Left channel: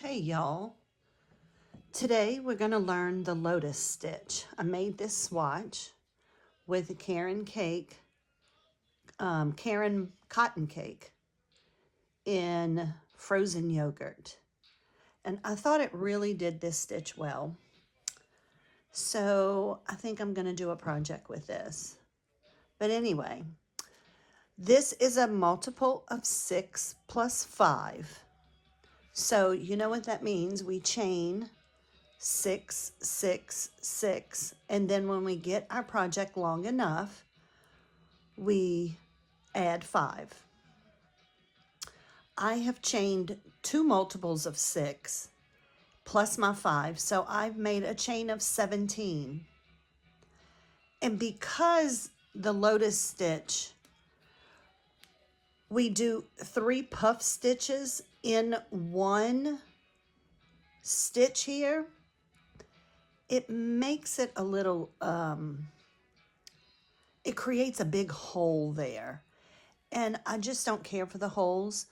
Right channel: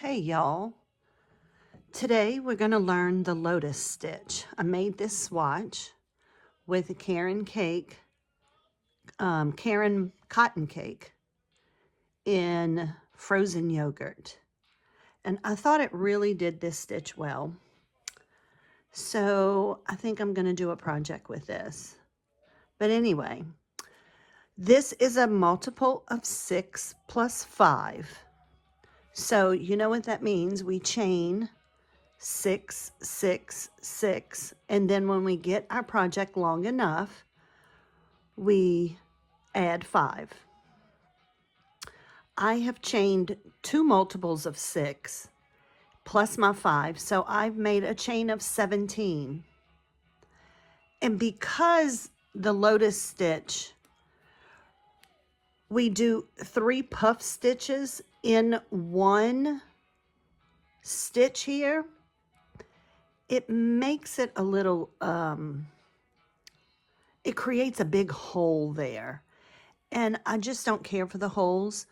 Hey y'all, today we're going to learn the lotus stitch. I made this swatch with a Karen cotton cake in frozen yogurt. And I thought it really did this stitch well. So I think I'm going to do a project with this. But anyway, this is a multiple of 6 plus 5. So you know what that means. We chain 6, 6, 6. And then when we get our project long enough, we add 5. I have chained 2 multiples of 6 plus my 5. So I've made a chain of 17. And because the lotus stitch, we do 3 puff stitches in one stitch here, it makes it a little, it creates a big hole there. And I just don't care for the holes.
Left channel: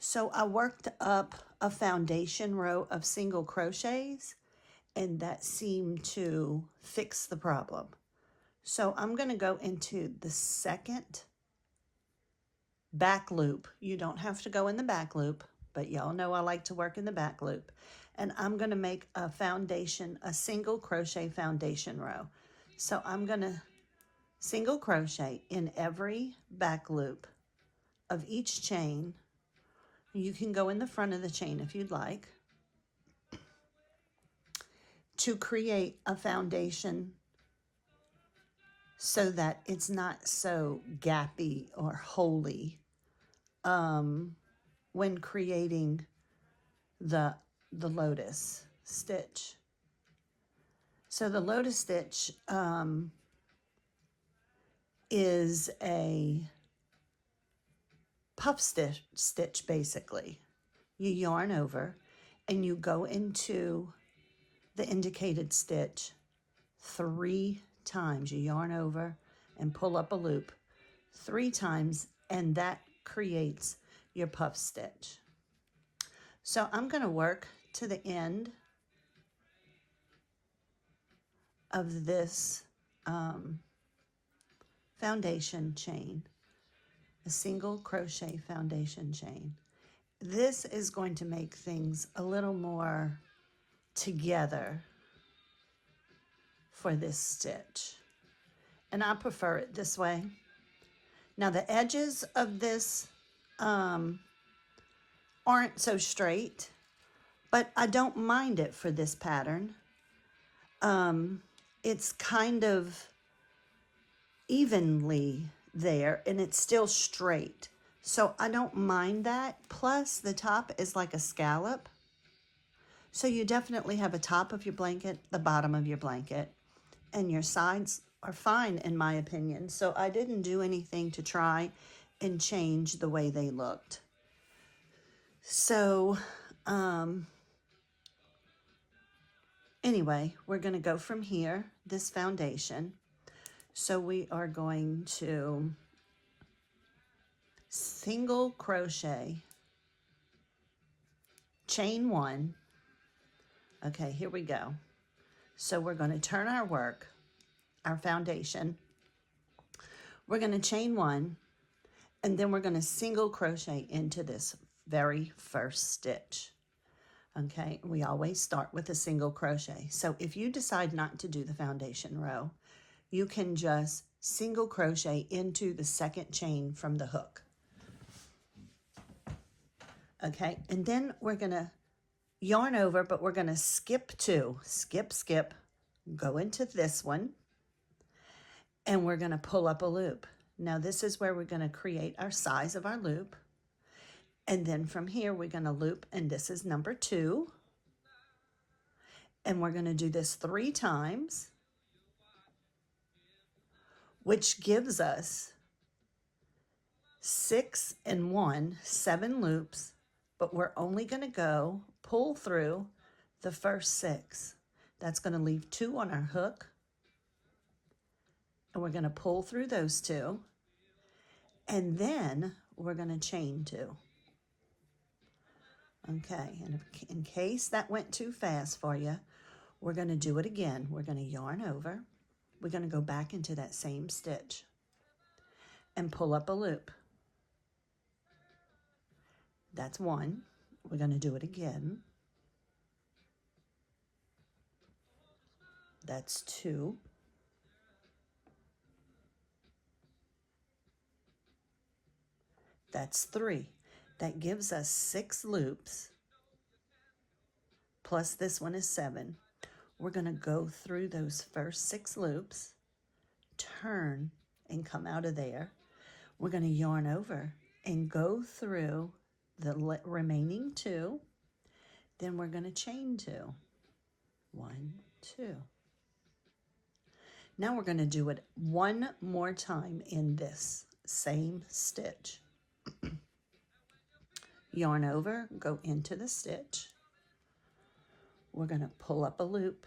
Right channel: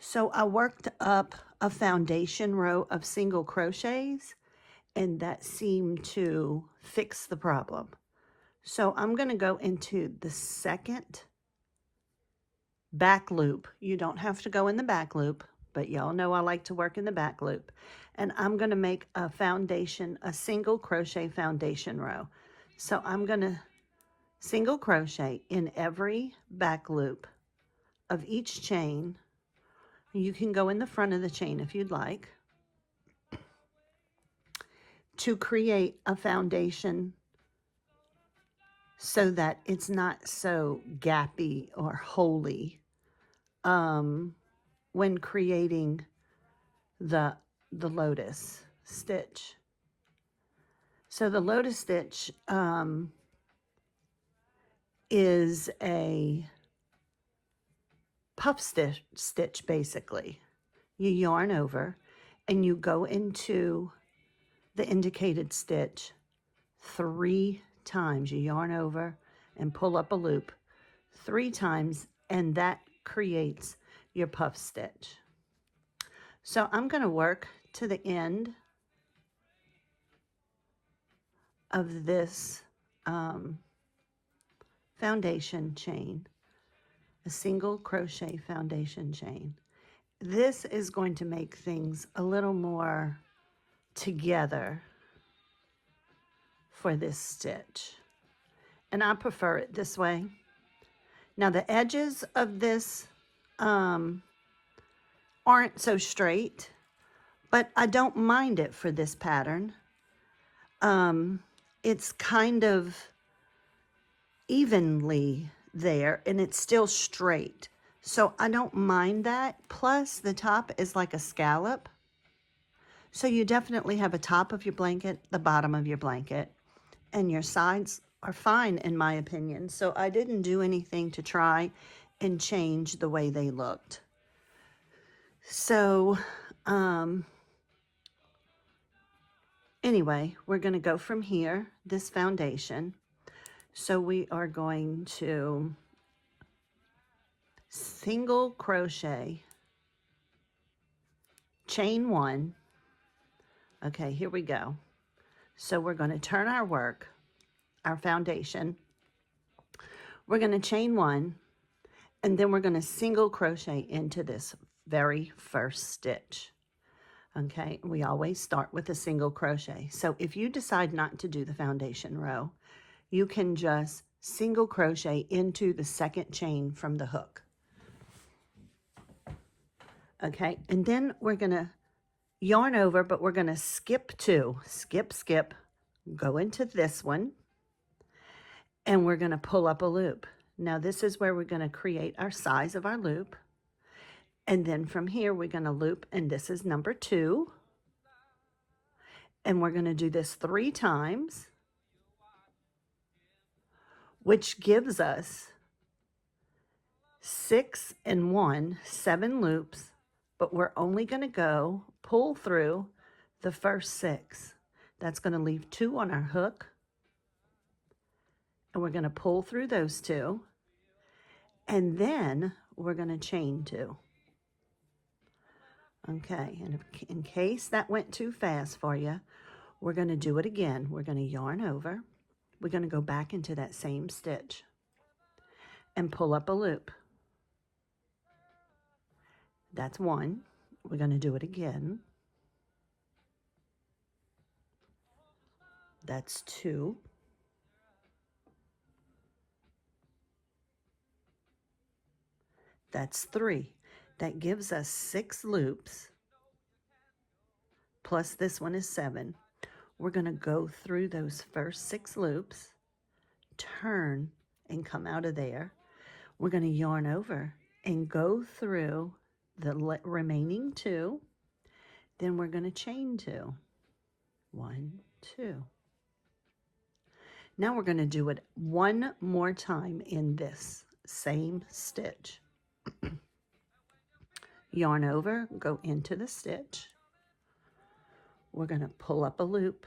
So I worked up a foundation row of single crochets, and that seemed to fix the problem. So I'm going to go into the second back loop. You don't have to go in the back loop, but y'all know I like to work in the back loop. And I'm going to make a single crochet foundation row. So I'm going to single crochet in every back loop of each chain. You can go in the front of the chain if you'd like, to create a foundation so that it's not so gappy or holey when creating the lotus stitch. So the lotus stitch is a puff stitch basically. You yarn over and you go into the indicated stitch 3 times. You yarn over and pull up a loop 3 times, and that creates your puff stitch. So I'm going to work to the end of this foundation chain, a single crochet foundation chain. This is going to make things a little more together for this stitch, and I prefer it this way. Now the edges of this aren't so straight, but I don't mind it for this pattern. It's kind of evenly there and it's still straight, so I don't mind that. Plus the top is like a scallop, so you definitely have a top of your blanket, the bottom of your blanket, and your sides are fine in my opinion. So I didn't do anything to try and change the way they looked. So anyway, we're going to go from here, this foundation. So we are going to single crochet, chain 1. Okay, here we go. So we're going to turn our work, our foundation. We're going to chain 1, and then we're going to single crochet into this very first stitch. Okay, we always start with a single crochet. So if you decide not to do the foundation row, you can just single crochet into the second chain from the hook. Okay, and then we're going to yarn over, but we're going to skip 2, skip, go into this one, and we're going to pull up a loop. Now this is where we're going to create our size of our loop. And then from here, we're going to loop, and this is number 2. And we're going to do this 3 times, which gives us 6 and 1, 7 loops, but we're only going to go pull through the first 6. That's going to leave 2 on our hook, and we're going to pull through those 2, and then we're going to chain 2. Okay, and in case that went too fast for you, we're going to do it again. We're going to yarn over. We're going to go back into that same stitch and pull up a loop. That's one. We're going to do it again. That's two. That's three. That gives us 6 loops, plus this one is 7. We're going to go through those first 6 loops, turn and come out of there. We're going to yarn over and go through the remaining 2. Then we're going to chain 2. 1, 2. Now we're going to do it one more time in this same stitch. Yarn over, go into the stitch. We're going to pull up a loop.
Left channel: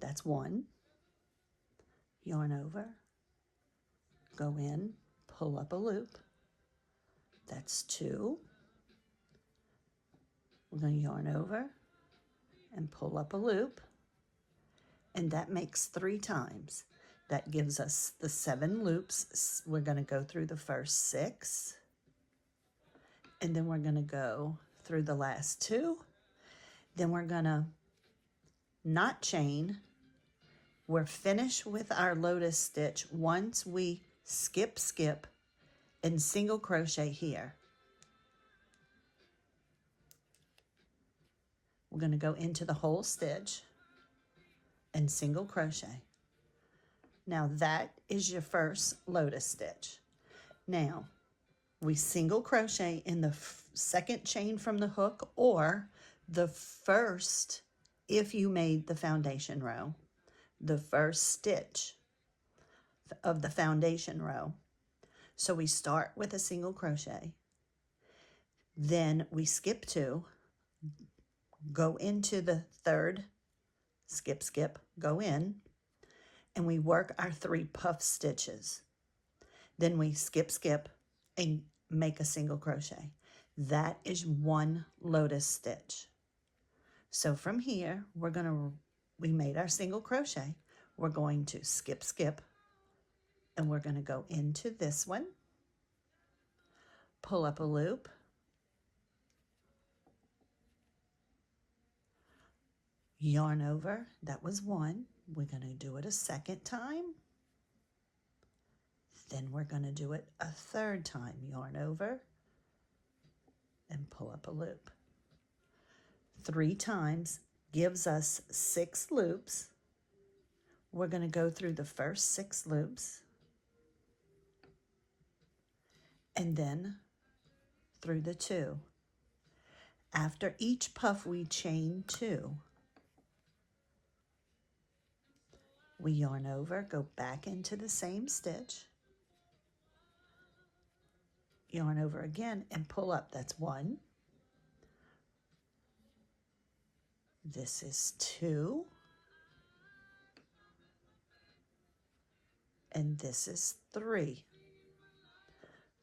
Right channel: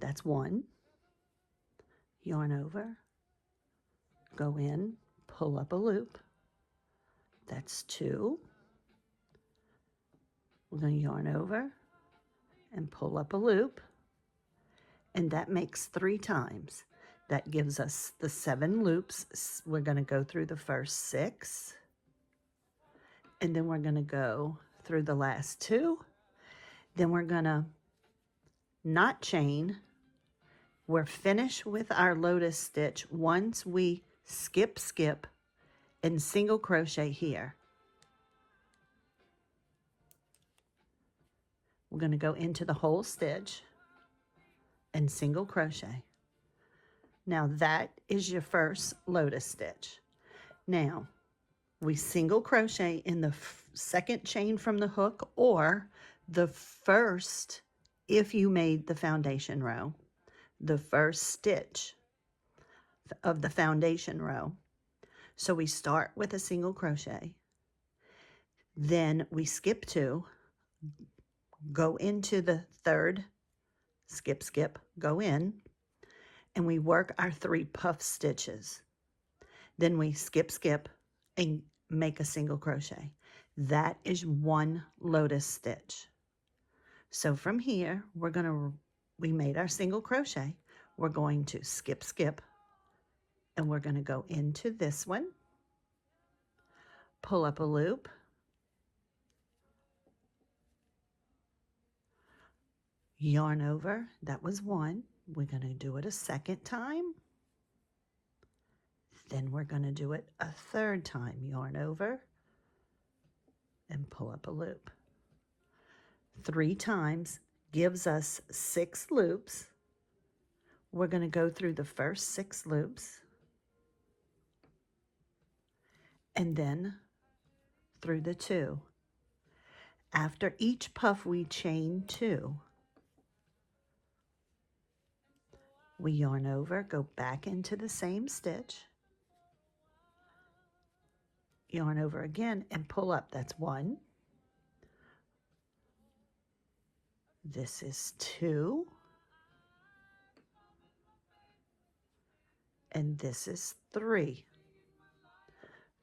That's 1. Yarn over, go in, pull up a loop. That's 2. We're going to yarn over and pull up a loop. And that makes 3 times. That gives us the 7 loops. We're going to go through the first 6. And then we're going to go through the last 2. Then we're going to not chain. We're finished with our lotus stitch once we skip and single crochet here. We're going to go into the whole stitch and single crochet. Now that is your first lotus stitch. Now we single crochet in the second chain from the hook, or the first, if you made the foundation row, the first stitch of the foundation row. So we start with a single crochet, then we skip 2, go into the third, skip, go in, and we work our 3 puff stitches. Then we skip and make a single crochet. That is 1 lotus stitch. So from here, we made our single crochet. We're going to skip, and we're going to go into this one, pull up a loop, yarn over. That was 1. We're going to do it a second time. Then we're going to do it a third time. Yarn over and pull up a loop. 3 times gives us 6 loops. We're going to go through the first 6 loops and then through the 2. After each puff, we chain 2. We yarn over, go back into the same stitch, yarn over again and pull up. That's 1. This is 2. And this is 3.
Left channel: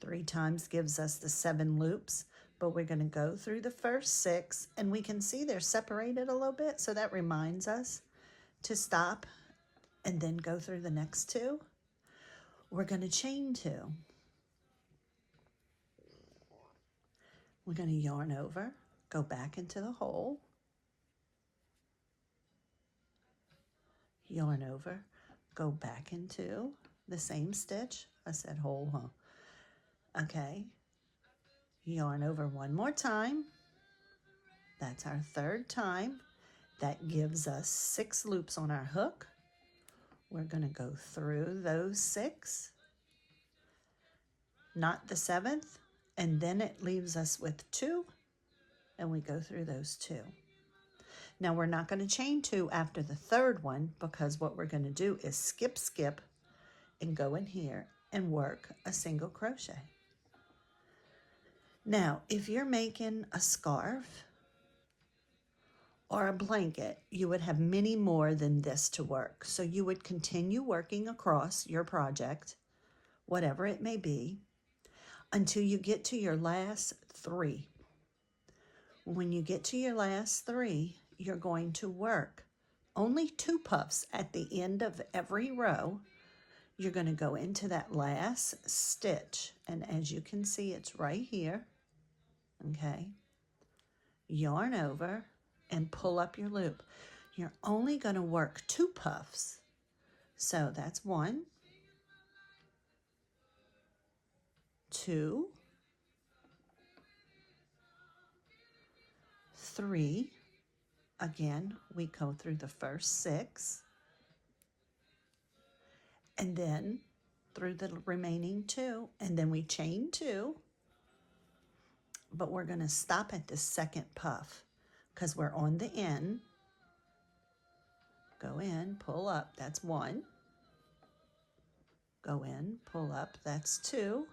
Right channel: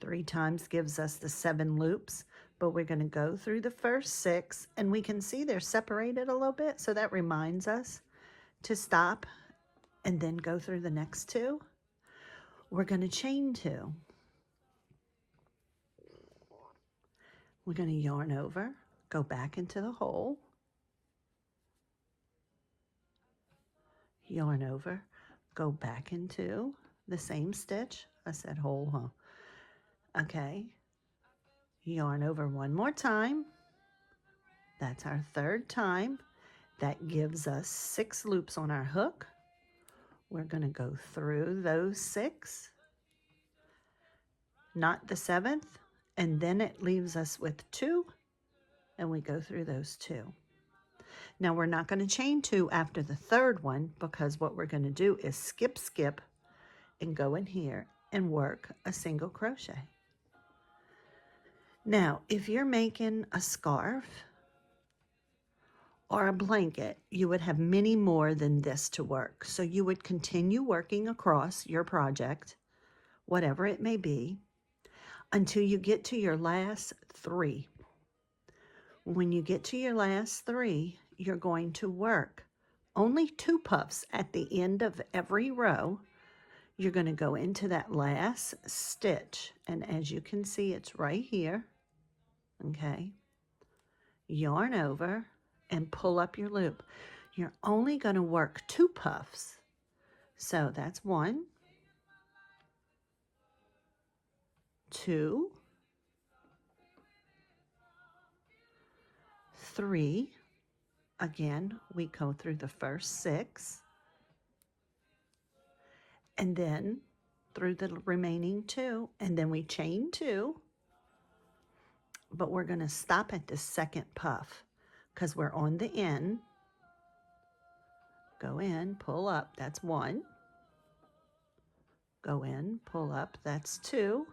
3 times gives us the 7 loops, but we're going to go through the first 6, and we can see they're separated a little bit, so that reminds us to stop and then go through the next 2. We're going to chain 2. We're going to yarn over, go back into the hole, yarn over, go back into the same stitch. I said hole, huh? Okay. Yarn over 1 more time. That's our 3rd time. That gives us 6 loops on our hook. We're going to go through those 6, not the 7th, and then it leaves us with 2, and we go through those 2. Now we're not going to chain 2 after the 3rd one, because what we're going to do is skip and go in here and work a single crochet. Now, if you're making a scarf or a blanket, you would have many more than this to work. So you would continue working across your project, whatever it may be, until you get to your last 3. When you get to your last 3, you're going to work only 2 puffs at the end of every row. You're going to go into that last stitch, and as you can see, it's right here. Okay, yarn over and pull up your loop. You're only going to work 2 puffs. So that's 1, 2, 3. Again, we go through the first 6, and then through the remaining 2, and then we chain 2, but we're going to stop at the second puff because we're on the end. Go in, pull up, that's 1. Go in, pull up, that's 2.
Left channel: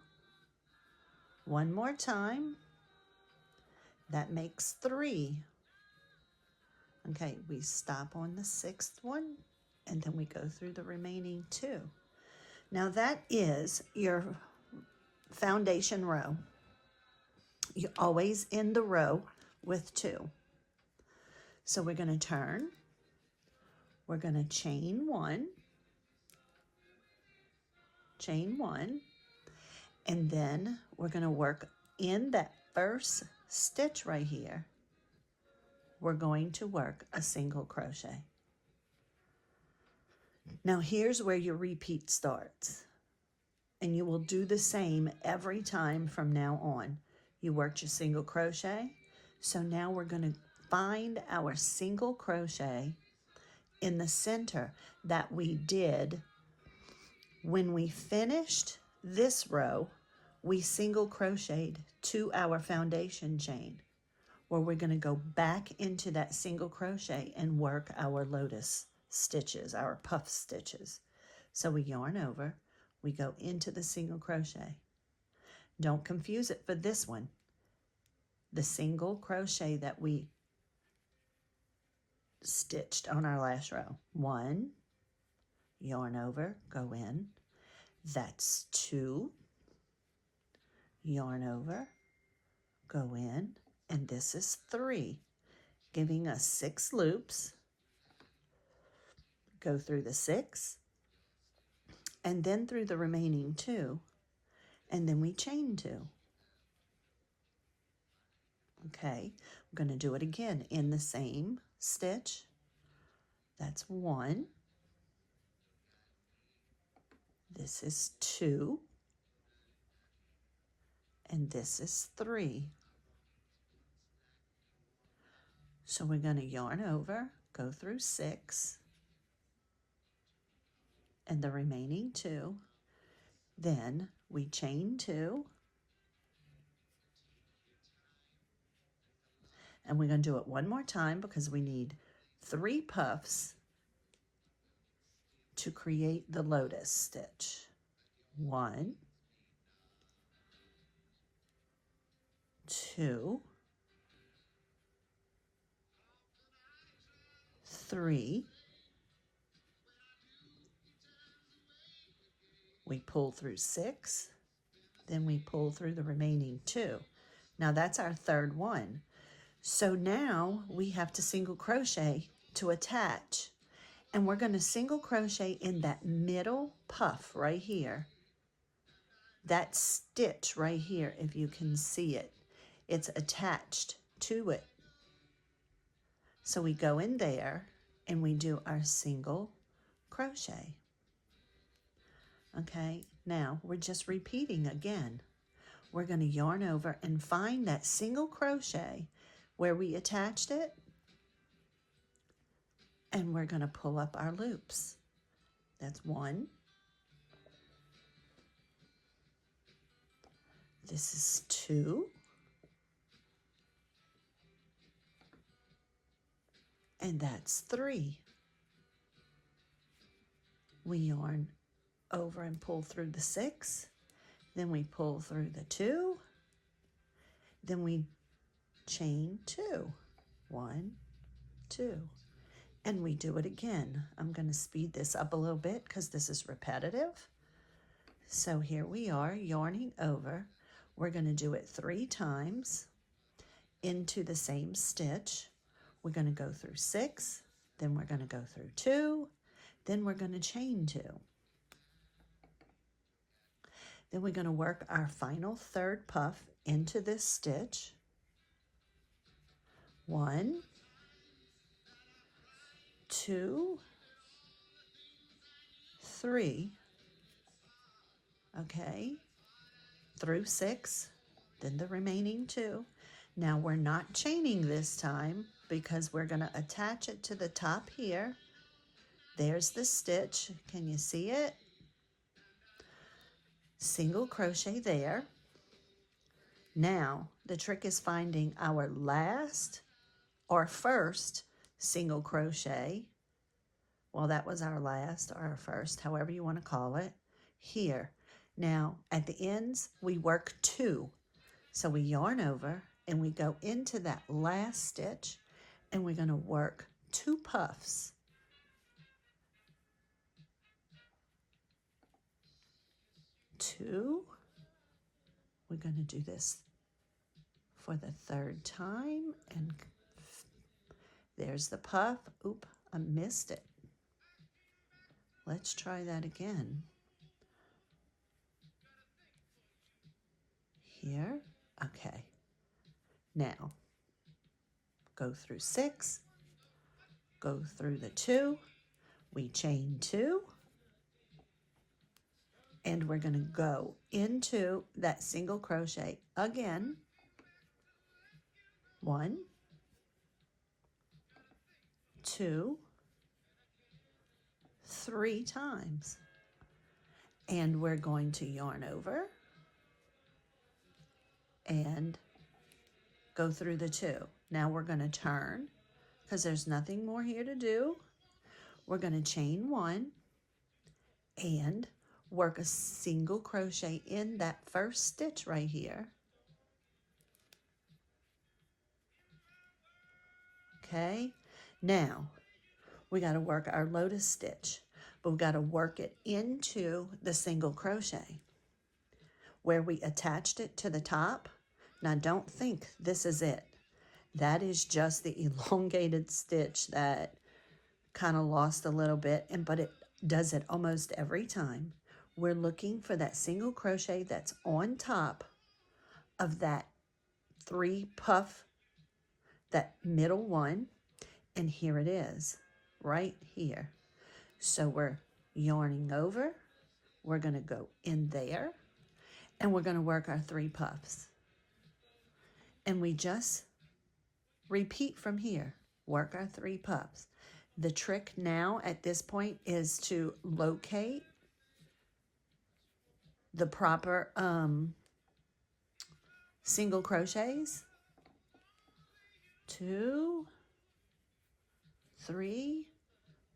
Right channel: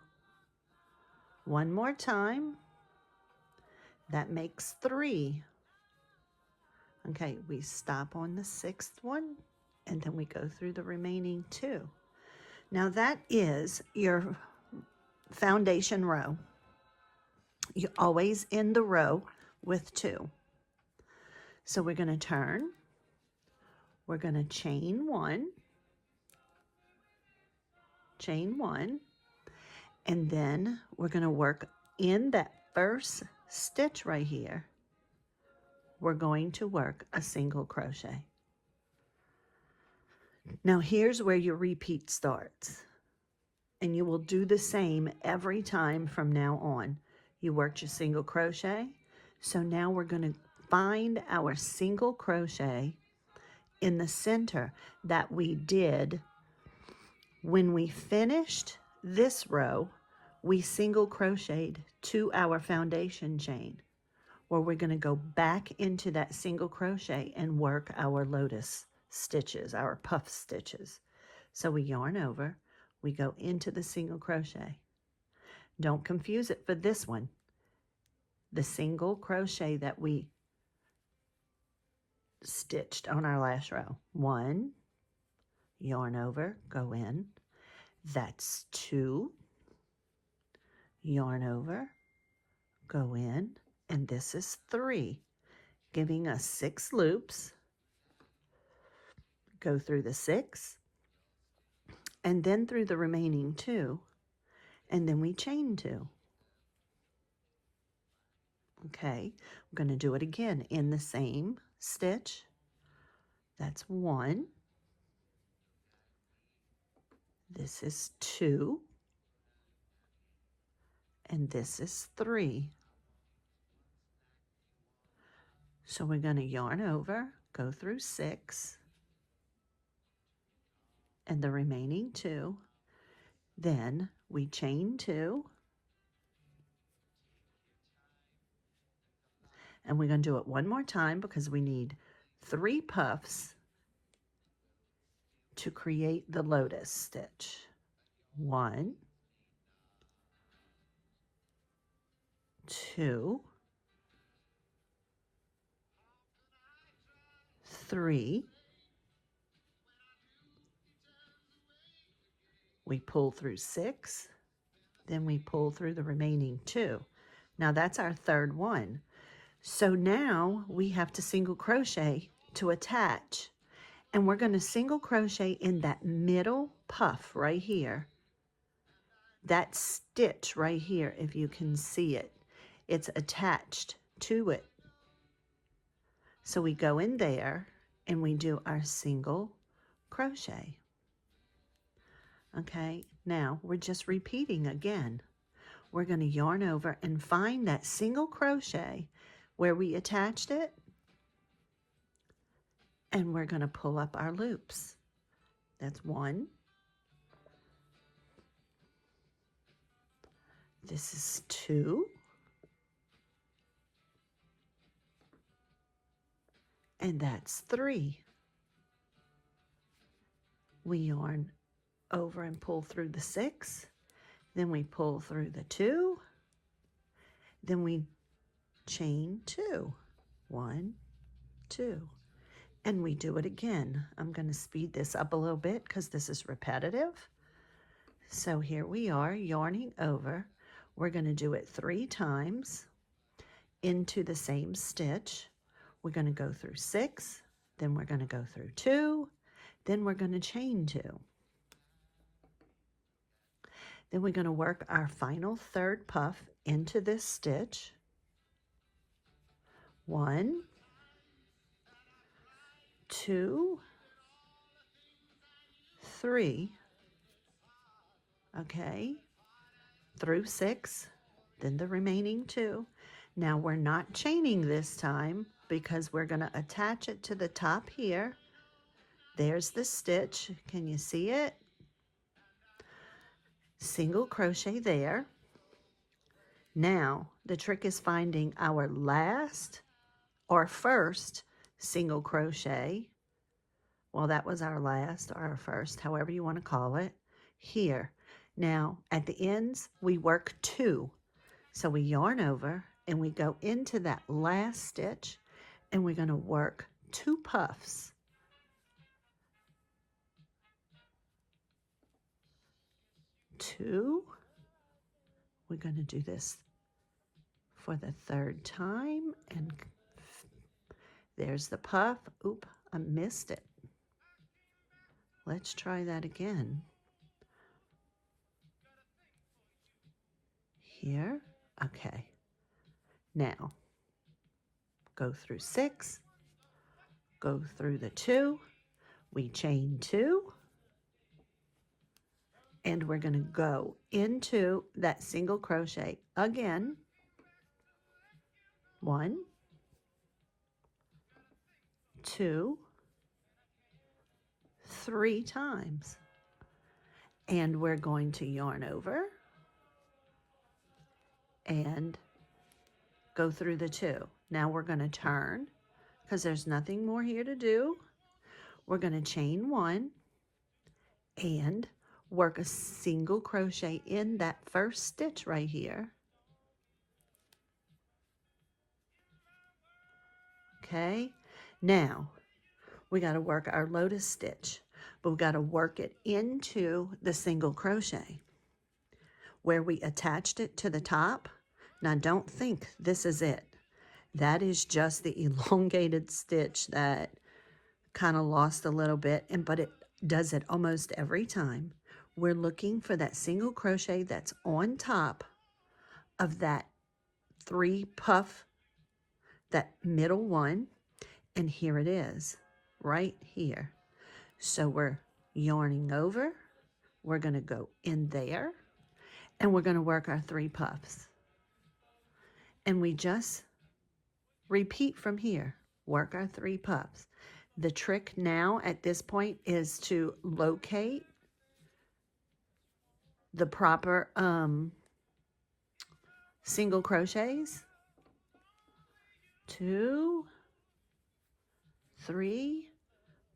One more time, that makes 3. Okay, we stop on the 6th one, and then we go through the remaining 2. Now that is your foundation row. You always end the row with 2. So we're going to turn, we're going to chain 1, and then we're going to work in that first stitch right here. We're going to work a single crochet. Now here's where your repeat starts, and you will do the same every time from now on. You worked your single crochet, so now we're going to find our single crochet in the center that we did when we finished this row. We single crocheted to our foundation chain, where we're going to go back into that single crochet and work our lotus stitches, our puff stitches. So we yarn over, we go into the single crochet. Don't confuse it for this one. The single crochet that we stitched on our last row. 1, yarn over, go in. That's 2, yarn over, go in, and this is 3, giving us 6 loops. Go through the 6, and then through the remaining 2, and then we chain 2. Okay, we're going to do it again in the same stitch. That's 1. This is 2. And this is 3. So we're going to yarn over, go through 6, and the remaining 2. Then we chain 2. And we're going to do it one more time because we need 3 puffs to create the lotus stitch. 1, 2, 3. We pull through 6, then we pull through the remaining 2. Now that's our third one. So now we have to single crochet to attach, and we're going to single crochet in that middle puff right here. That stitch right here, if you can see it, it's attached to it. So we go in there and we do our single crochet. Okay, now we're just repeating again. We're going to yarn over and find that single crochet where we attached it, and we're going to pull up our loops. That's 1. This is 2. And that's 3. We yarn over and pull through the 6. Then we pull through the 2. Then we chain 2. 1, 2. And we do it again. I'm going to speed this up a little bit because this is repetitive. So here we are yarning over. We're going to do it 3 times into the same stitch. We're going to go through 6, then we're going to go through 2, then we're going to chain 2. Then we're going to work our final third puff into this stitch. 1, 2, 3, okay, through 6, then the remaining 2. Now we're not chaining this time because we're going to attach it to the top here. There's the stitch. Can you see it? Single crochet there. Now the trick is finding our last or first single crochet. Well, that was our last or our first, however you want to call it, here. Now at the ends we work 2. So we yarn over and we go into that last stitch and we're going to work 2 puffs. Two. We're going to do this for the 3rd time, and there's the puff. Oop, I missed it. Let's try that again. Here, okay. Now, go through 6, go through the 2, we chain 2, and we're going to go into that single crochet again. 1, 2, 3 times. And we're going to yarn over and go through the 2. Now we're going to turn because there's nothing more here to do. We're going to chain 1 and work a single crochet in that first stitch right here. Okay, now we got to work our lotus stitch, but we've got to work it into the single crochet where we attached it to the top. Now don't think this is it. That is just the elongated stitch that kind of lost a little bit, but it does it almost every time. We're looking for that single crochet that's on top of that 3 puff, that middle one, and here it is, right here. So we're yarning over, we're going to go in there, and we're going to work our 3 puffs. And we just repeat from here, work our 3 puffs. The trick now at this point is to locate the proper single crochets. 2, 3,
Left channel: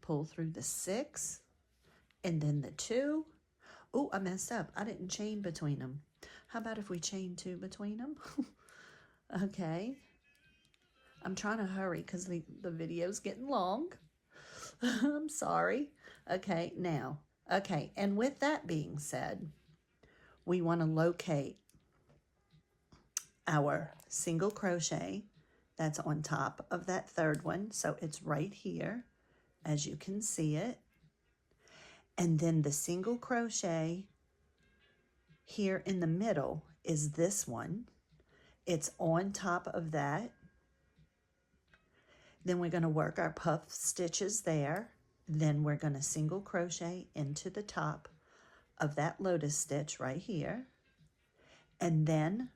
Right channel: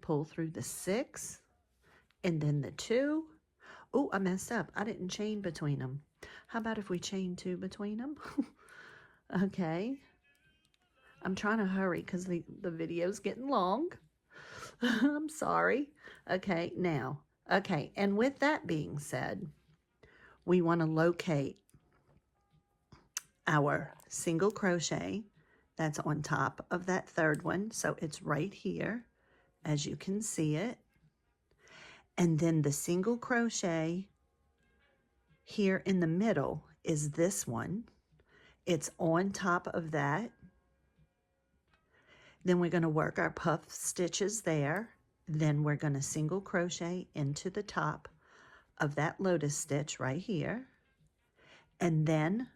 pull through the 6, and then the 2. Oh, I messed up. I didn't chain between them. How about if we chain 2 between them? Okay. I'm trying to hurry because the video's getting long. I'm sorry. Okay, now. Okay, and with that being said, we want to locate our single crochet that's on top of that 3rd one. So it's right here, as you can see it. And then the single crochet here in the middle is this one. It's on top of that. Then we're going to work our puff stitches there. Then we're going to single crochet into the top of that lotus stitch right here. And then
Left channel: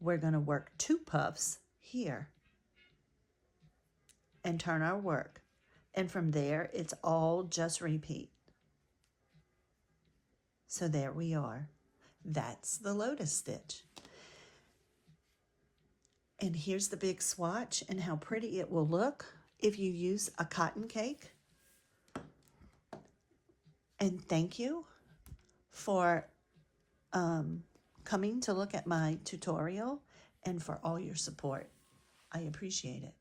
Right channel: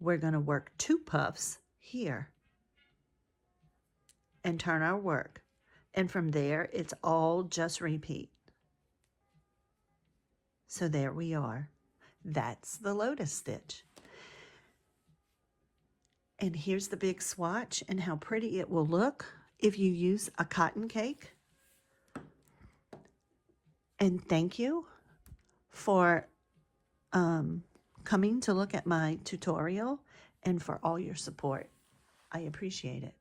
we're going to work 2 puffs here and turn our work. And from there, it's all just repeat. So there we are. That's the lotus stitch. And here's the big swatch and how pretty it will look if you use a cotton cake. And thank you for coming to look at my tutorial and for all your support. I appreciate it.